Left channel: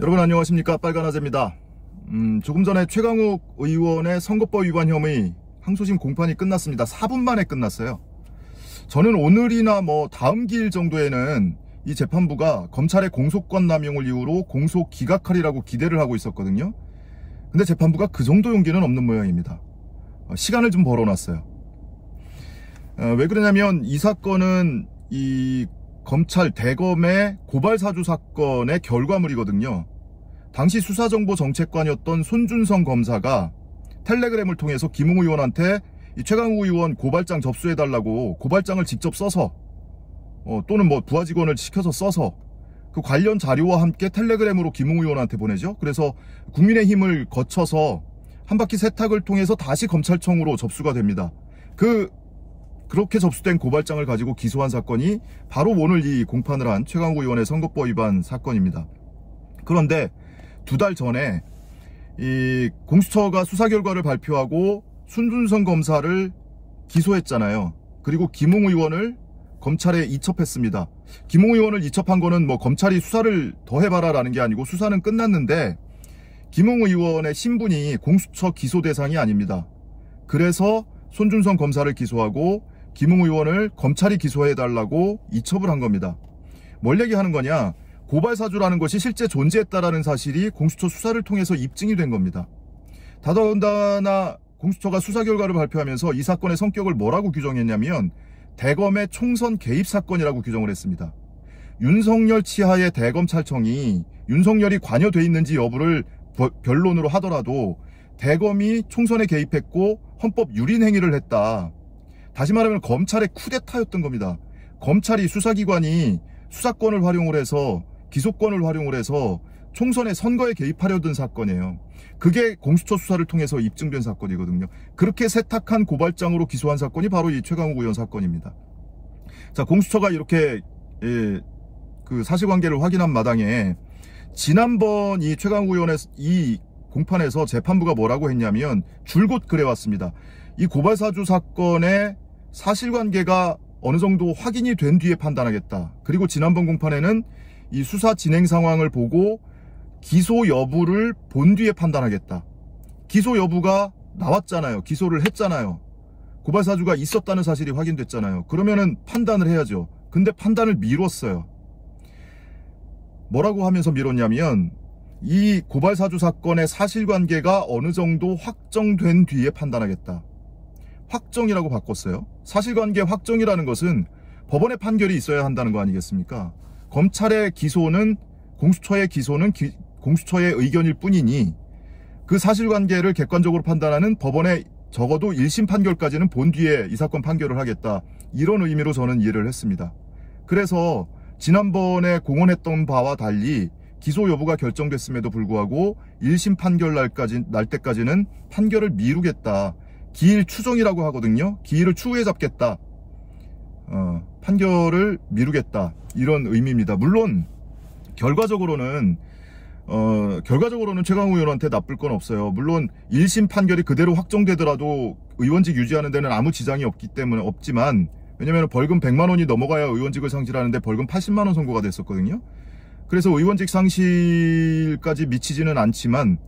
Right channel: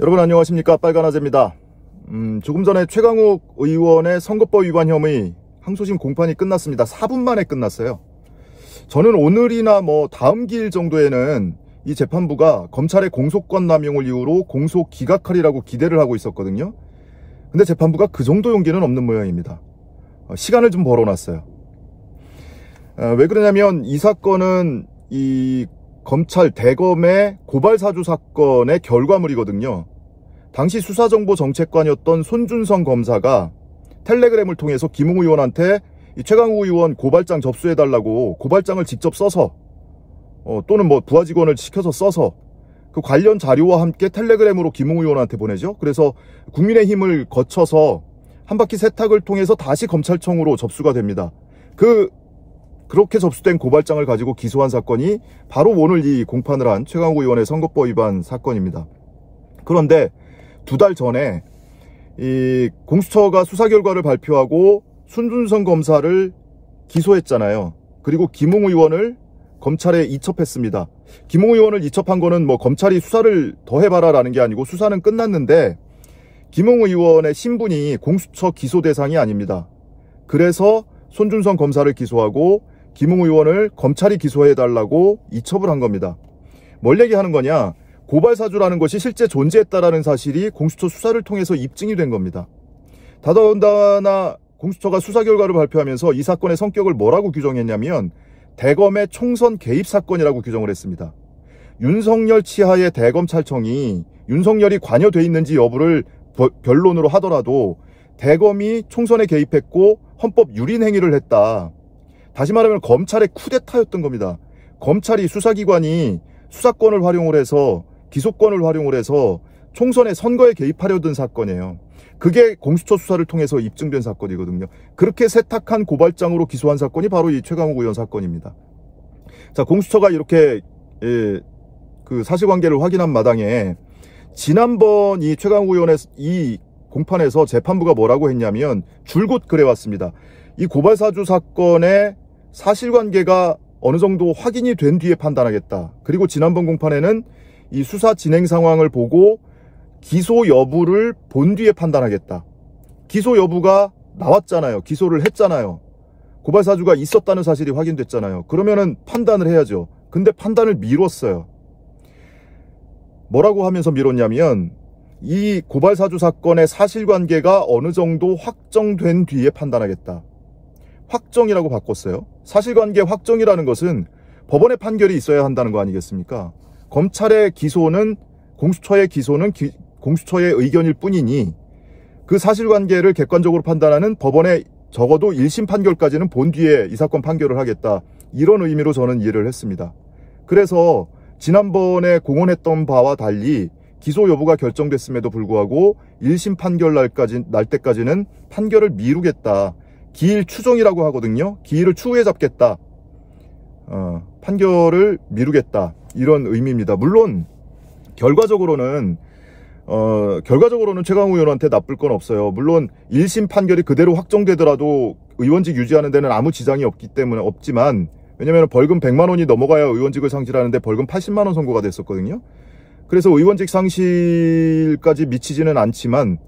여러분 안녕하십니까, 빨간아재입니다. 조금 전에 최강욱 의원의 선거법 위반 혐의 항소심 공판이 끝났습니다. 4분 만에 끝났어요. 저는 오늘이나 다음 기일 정도에는 이 재판부가 검찰의 공소권 남용을 이유로 공소 기각하리라고 기대를 하고 있었거든요. 근데 재판부가 그 정도 용기는 없는 모양입니다. 시간을 좀 벌어놨어요. 왜 그러냐면 이 사건은 이 검찰 대검의 고발사주 사건의 결과물이거든요. 당시 수사정보정책관이었던 손준성 검사가 텔레그램을 통해서 김웅 의원한테 이 최강욱 의원 고발장 접수해달라고 고발장을 직접 써서 또는 부하 직원을 시켜서 써서 그 관련 자료와 함께 텔레그램으로 김웅 의원한테 보내죠. 그래서 국민의힘을 거쳐서 한 바퀴 세탁을 통해서 다시 검찰청으로 접수가 됩니다. 그렇게 접수된 고발장을 가지고 기소한 사건이 바로 오늘 이 공판을 한 최강욱 의원의 선거법 위반 사건입니다. 그런데 2달 전에 이 공수처가 수사 결과를 발표하고 손준성 검사를 기소했잖아요. 그리고 김웅 의원을 검찰에 이첩했습니다. 김웅 의원을 이첩한 거는 검찰이 수사를 더 해봐라 라는 게 아니고 수사는 끝났는데 김웅 의원의 신분이 공수처 기소 대상이 아닙니다. 그래서 손준성 검사를 기소하고 김웅 의원을 검찰이 기소해달라고 이첩을 한 겁니다. 뭘 얘기하는 거냐? 고발사주라는 것이 실제 존재했다라는 사실이 공수처 수사를 통해서 입증이 된 겁니다. 더더군다나 공수처가 수사 결과를 발표하면서 이 사건의 성격을 뭐라고 규정했냐면 대검의 총선 개입 사건이라고 규정을 했습니다. 윤석열 치하의 대검찰청이 윤석열이 관여돼 있는지 여부를 변론으로 하더라도 대검이 총선에 개입했고 헌법 유린 행위를 했다. 다시 말하면 검찰의 쿠데타였던 겁니다. 검찰이 수사기관이 수사권을 활용을 해서 기소권을 활용을 해서 총선의 선거에 개입하려던 사건이에요. 그게 공수처 수사를 통해서 입증된 사건이거든요. 그렇게 세탁한 고발장으로 기소한 사건이 바로 이 최강욱 의원 사건입니다. 자, 공수처가 이렇게 그 사실관계를 확인한 마당에 지난번 이 최강욱 의원의 이 공판에서 재판부가 뭐라고 했냐면 줄곧 그래왔습니다. 이 고발사주 사건의 사실관계가 어느 정도 확인이 된 뒤에 판단하겠다. 그리고 지난번 공판에는 이 수사 진행 상황을 보고 기소 여부를 본 뒤에 판단하겠다. 기소 여부가 나왔잖아요. 기소를 했잖아요. 고발사주가 있었다는 사실이 확인됐잖아요. 그러면은 판단을 해야죠. 근데 판단을 미뤘어요. 뭐라고 하면서 미뤘냐면 이 고발사주 사건의 사실관계가 어느 정도 확정된 뒤에 판단하겠다. 확정이라고 바꿨어요. 사실관계 확정이라는 것은 법원의 판결이 있어야 한다는 거 아니겠습니까? 검찰의 기소는 공수처의 기소는 공수처의 의견일 뿐이니 그 사실관계를 객관적으로 판단하는 법원의 적어도 1심 판결까지는 본 뒤에 이 사건 판결을 하겠다. 이런 의미로 저는 이해를 했습니다. 그래서 지난번에 공언했던 바와 달리 기소 여부가 결정됐음에도 불구하고 1심 판결 날 때까지는 판결을 미루겠다. 기일 추정이라고 하거든요. 기일을 추후에 잡겠다. 판결을 미루겠다. 이런 의미입니다. 물론 결과적으로는 최강욱 의원한테 나쁠 건 없어요. 물론 1심 판결이 그대로 확정되더라도 의원직 유지하는 데는 아무 지장이 없지만 왜냐면 벌금 100만 원이 넘어가야 의원직을 상실하는데 벌금 80만 원 선고가 됐었거든요. 그래서 의원직 상실까지 미치지는 않지만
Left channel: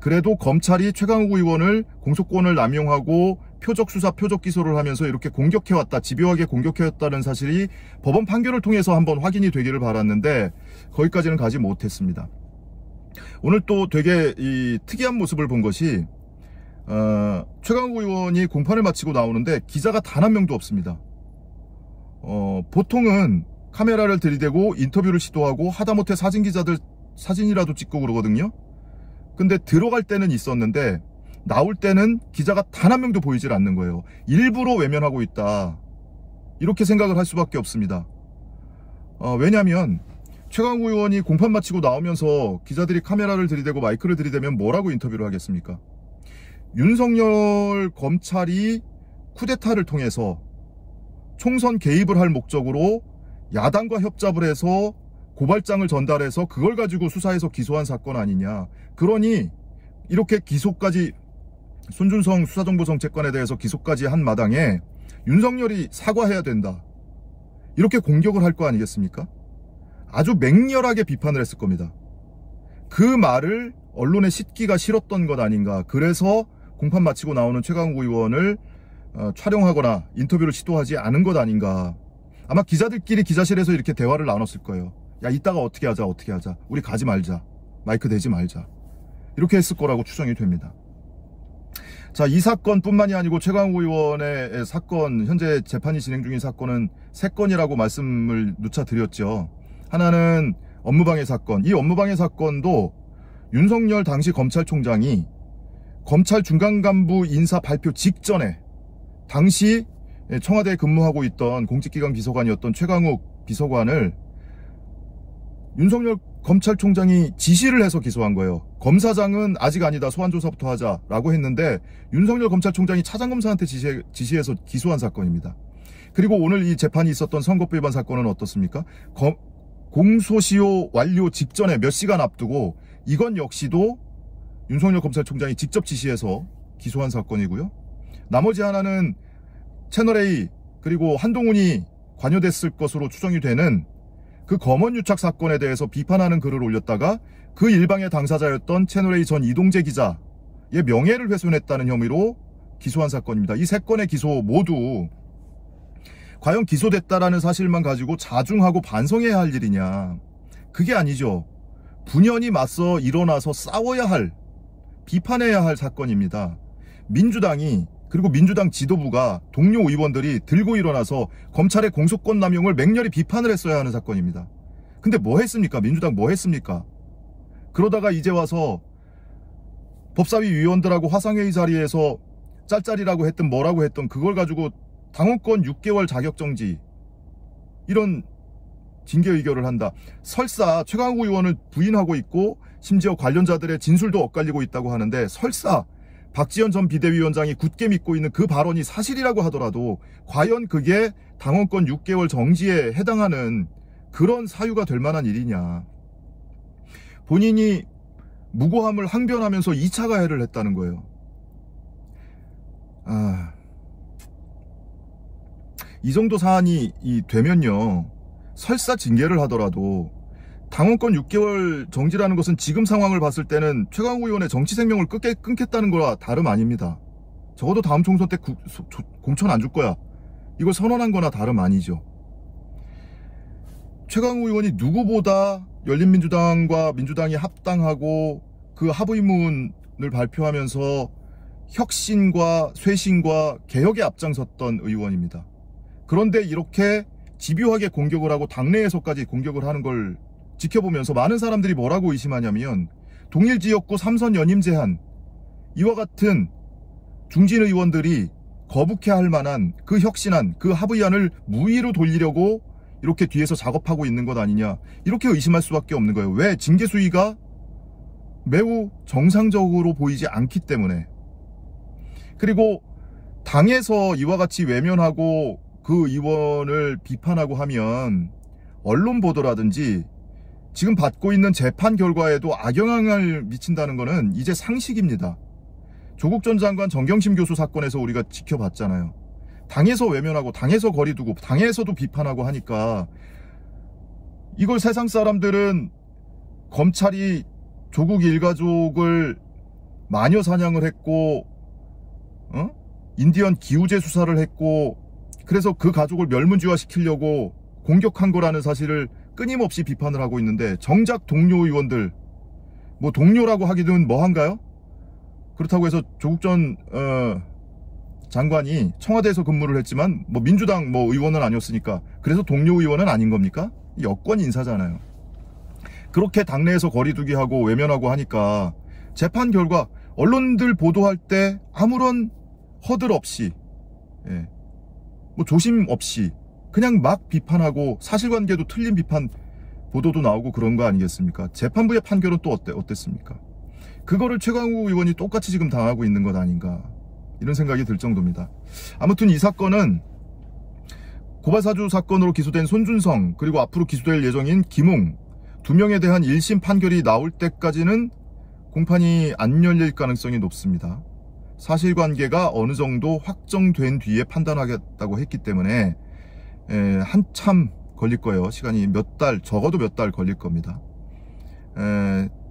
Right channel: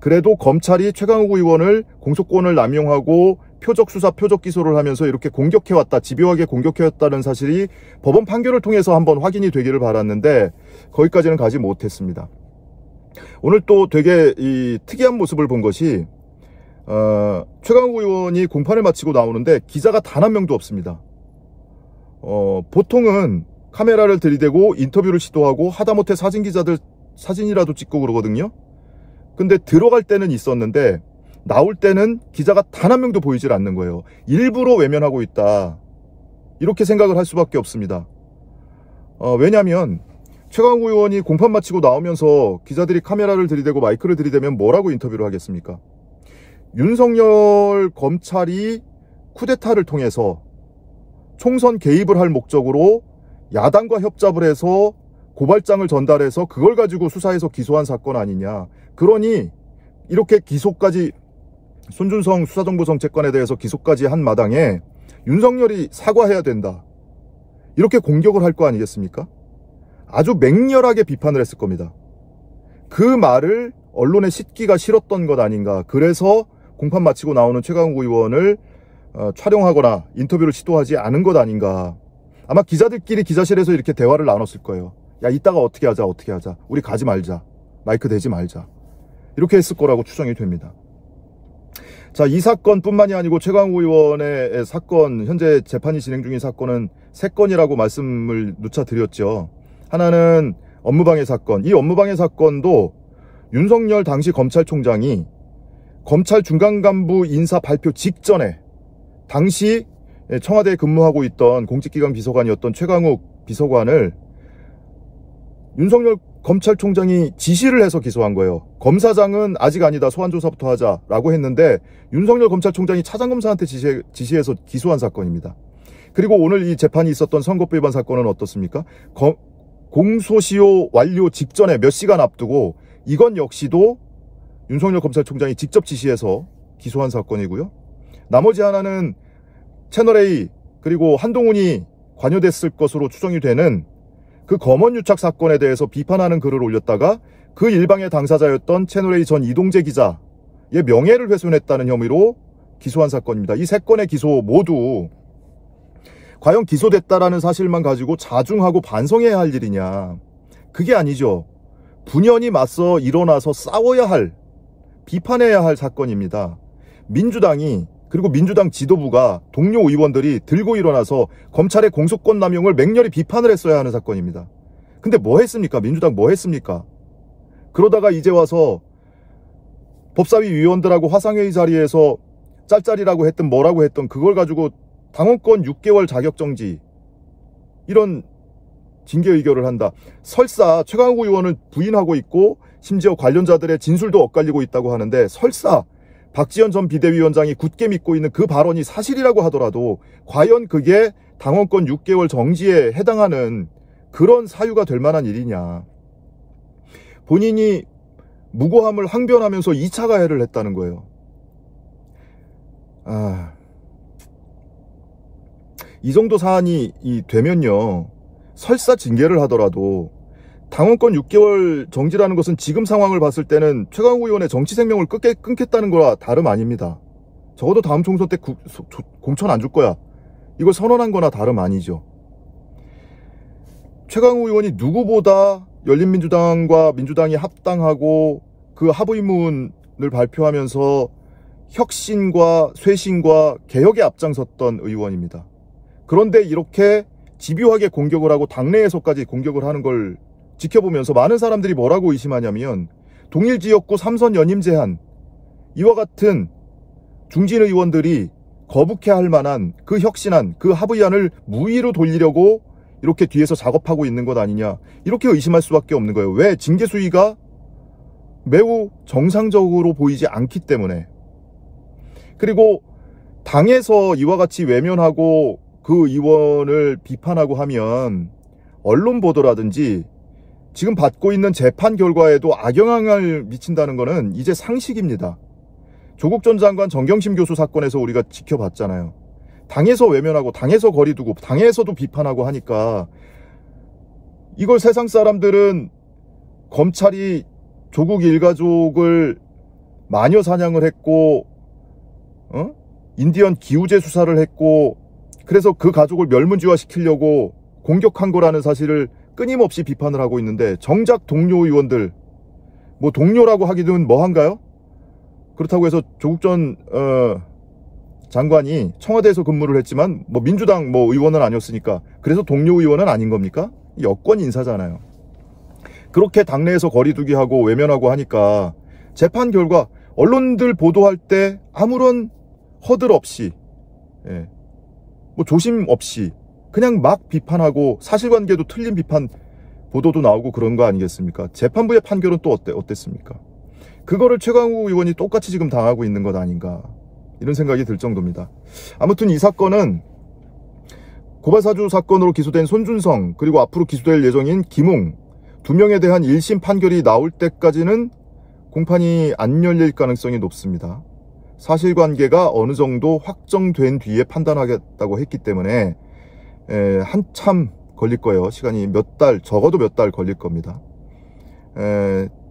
그래도 검찰이 최강욱 의원을 공소권을 남용하고 표적 수사, 표적 기소를 하면서 이렇게 공격해왔다, 집요하게 공격해왔다는 사실이 법원 판결을 통해서 한번 확인이 되기를 바랐는데 거기까지는 가지 못했습니다. 오늘 또 되게 특이한 모습을 본 것이 최강욱 의원이 공판을 마치고 나오는데 기자가 단 한 명도 없습니다. 보통은 카메라를 들이대고 인터뷰를 시도하고 하다못해 사진기자들 사진이라도 찍고 그러거든요. 근데 들어갈 때는 있었는데 나올 때는 기자가 단 한 명도 보이질 않는 거예요. 일부러 외면하고 있다. 이렇게 생각을 할 수밖에 없습니다. 왜냐하면 최강욱 의원이 공판 마치고 나오면서 기자들이 카메라를 들이대고 마이크를 들이대면 뭐라고 인터뷰를 하겠습니까? 윤석열 검찰이 쿠데타를 통해서 총선 개입을 할 목적으로 야당과 협잡을 해서 고발장을 전달해서 그걸 가지고 수사해서 기소한 사건 아니냐. 그러니 이렇게 기소까지 손준성 수사정보정책관에 대해서 기소까지 한 마당에 윤석열이 사과해야 된다. 이렇게 공격을 할 거 아니겠습니까? 아주 맹렬하게 비판을 했을 겁니다. 그 말을 언론에 싣기가 싫었던 것 아닌가. 그래서 공판 마치고 나오는 최강욱 의원을 촬영하거나 인터뷰를 시도하지 않은 것 아닌가. 아마 기자들끼리 기자실에서 이렇게 대화를 나눴을 거예요. 야, 이따가 어떻게 하자. 우리 가지 말자. 마이크 대지 말자. 이렇게 했을 거라고 추정이 됩니다. 자, 이 사건뿐만이 아니고 최강욱 의원의 사건, 현재 재판이 진행 중인 사건은 3건이라고 말씀을 누차 드렸죠. 하나는 업무방해 사건. 이 업무방해 사건도 윤석열 당시 검찰총장이 검찰 중간간부 인사 발표 직전에 당시 청와대에 근무하고 있던 공직기강 비서관이었던 최강욱 비서관을 윤석열 검찰총장이 지시를 해서 기소한 거예요. 검사장은 아직 아니다, 소환조사부터 하자라고 했는데 윤석열 검찰총장이 차장검사한테 지시해서 기소한 사건입니다. 그리고 오늘 이 재판이 있었던 선거법 위반 사건은 어떻습니까? 공소시효 완료 직전에 몇 시간 앞두고 이건 역시도 윤석열 검찰총장이 직접 지시해서 기소한 사건이고요. 나머지 하나는 채널A 그리고 한동훈이 관여됐을 것으로 추정이 되는 그 검언유착 사건에 대해서 비판하는 글을 올렸다가 그 일방의 당사자였던 채널A 전 이동재 기자의 명예를 훼손했다는 혐의로 기소한 사건입니다. 이 3건의 기소 모두 과연 기소됐다라는 사실만 가지고 자중하고 반성해야 할 일이냐. 그게 아니죠. 분연히 맞서 일어나서 싸워야 할, 비판해야 할 사건입니다. 민주당이 그리고 민주당 지도부가 동료 의원들이 들고 일어나서 검찰의 공소권 남용을 맹렬히 비판을 했어야 하는 사건입니다. 근데 뭐 했습니까? 민주당 뭐 했습니까? 그러다가 이제 와서 법사위 위원들하고 화상회의 자리에서 짤짤이라고 했든 뭐라고 했든 그걸 가지고 당원권 6개월 자격정지 이런 징계 의결을 한다. 설사 최강욱 의원을 부인하고 있고 심지어 관련자들의 진술도 엇갈리고 있다고 하는데 설사 박지원 전 비대위원장이 굳게 믿고 있는 그 발언이 사실이라고 하더라도 과연 그게 당원권 6개월 정지에 해당하는 그런 사유가 될 만한 일이냐. 본인이 무고함을 항변하면서 2차 가해를 했다는 거예요. 이 정도 사안이 되면요. 설사 징계를 하더라도 당원권 6개월 정지라는 것은 지금 상황을 봤을 때는 최강욱 의원의 정치 생명을 끊겠다는 거라 다름 아닙니다. 적어도 다음 총선 때 공천 안 줄 거야. 이걸 선언한 거나 다름 아니죠. 최강욱 의원이 누구보다 열린민주당과 민주당이 합당하고 그 합의문을 발표하면서 혁신과 쇄신과 개혁에 앞장섰던 의원입니다. 그런데 이렇게 집요하게 공격을 하고 당내에서까지 공격을 하는 걸 지켜보면서 많은 사람들이 뭐라고 의심하냐면 동일지역구 3선 연임 제한, 이와 같은 중진 의원들이 거북해할 만한 그 혁신안, 그 합의안을 무의로 돌리려고 이렇게 뒤에서 작업하고 있는 것 아니냐, 이렇게 의심할 수밖에 없는 거예요. 왜? 징계 수위가 매우 정상적으로 보이지 않기 때문에. 그리고 당에서 이와 같이 외면하고 그 의원을 비판하고 하면 언론 보도라든지 지금 받고 있는 재판 결과에도 악영향을 미친다는 것은 이제 상식입니다. 조국 전 장관 정경심 교수 사건에서 우리가 지켜봤잖아요. 당에서 외면하고 당에서 거리두고 당에서도 비판하고 하니까 이걸 세상 사람들은 검찰이 조국 일가족을 마녀 사냥을 했고 인디언 기우제 수사를 했고 그래서 그 가족을 멸문지화시키려고 공격한 거라는 사실을 끊임없이 비판을 하고 있는데 정작 동료 의원들, 뭐 동료라고 하기는 뭐한가요? 그렇다고 해서 조국 전 장관이 청와대에서 근무를 했지만 뭐 민주당 뭐 의원은 아니었으니까 그래서 동료 의원은 아닌 겁니까? 여권 인사잖아요. 그렇게 당내에서 거리두기 하고 외면하고 하니까 재판 결과 언론들 보도할 때 아무런 허들 없이 뭐 조심 없이 그냥 막 비판하고 사실관계도 틀린 비판 보도도 나오고 그런 거 아니겠습니까? 재판부의 판결은 또 어땠습니까? 그거를 최강욱 의원이 똑같이 지금 당하고 있는 것 아닌가, 이런 생각이 들 정도입니다. 아무튼 이 사건은 고발사주 사건으로 기소된 손준성 그리고 앞으로 기소될 예정인 김웅 2명에 대한 1심 판결이 나올 때까지는 공판이 안 열릴 가능성이 높습니다. 사실관계가 어느 정도 확정된 뒤에 판단하겠다고 했기 때문에 한참 걸릴 거예요. 시간이 몇 달, 적어도 몇 달 걸릴 겁니다.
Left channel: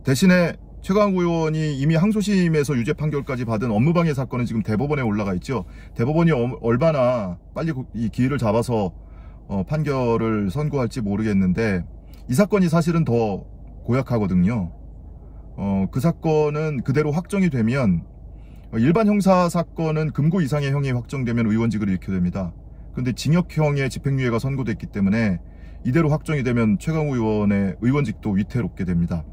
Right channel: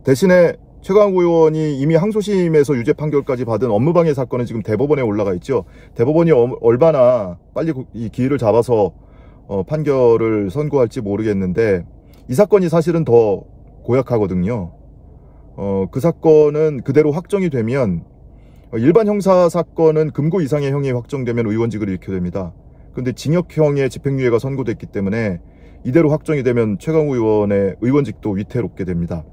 대신에 최강욱 의원이 이미 항소심에서 유죄 판결까지 받은 업무방해 사건은 지금 대법원에 올라가 있죠. 대법원이 얼마나 빨리 이 기회를 잡아서 판결을 선고할지 모르겠는데, 이 사건이 사실은 더 고약하거든요. 그 사건은 그대로 확정이 되면, 일반 형사 사건은 금고 이상의 형이 확정되면 의원직을 잃게 됩니다. 그런데 징역형의 집행유예가 선고됐기 때문에 이대로 확정이 되면 최강욱 의원의 의원직도 위태롭게 됩니다.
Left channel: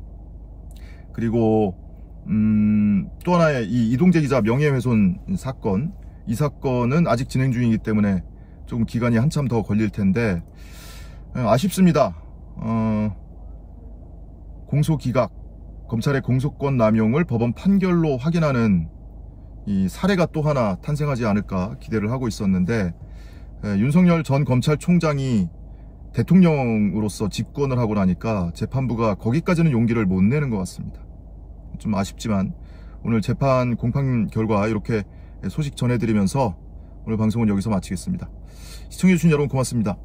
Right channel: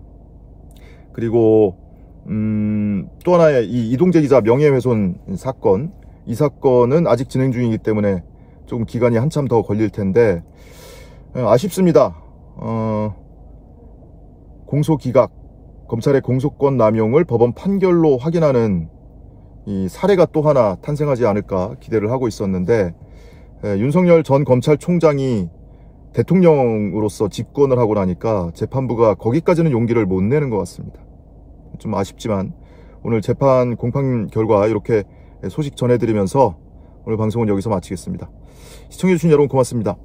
그리고 또 하나의 이 이동재 기자 명예훼손 사건, 이 사건은 아직 진행 중이기 때문에 조금 기간이 한참 더 걸릴 텐데 아쉽습니다. 공소기각, 검찰의 공소권 남용을 법원 판결로 확인하는 이 사례가 또 하나 탄생하지 않을까 기대를 하고 있었는데, 윤석열 전 검찰총장이 대통령으로서 집권을 하고 나니까 재판부가 거기까지는 용기를 못 내는 것 같습니다. 좀 아쉽지만 오늘 재판 공판 결과 이렇게 소식 전해드리면서 오늘 방송은 여기서 마치겠습니다. 시청해주신 여러분 고맙습니다.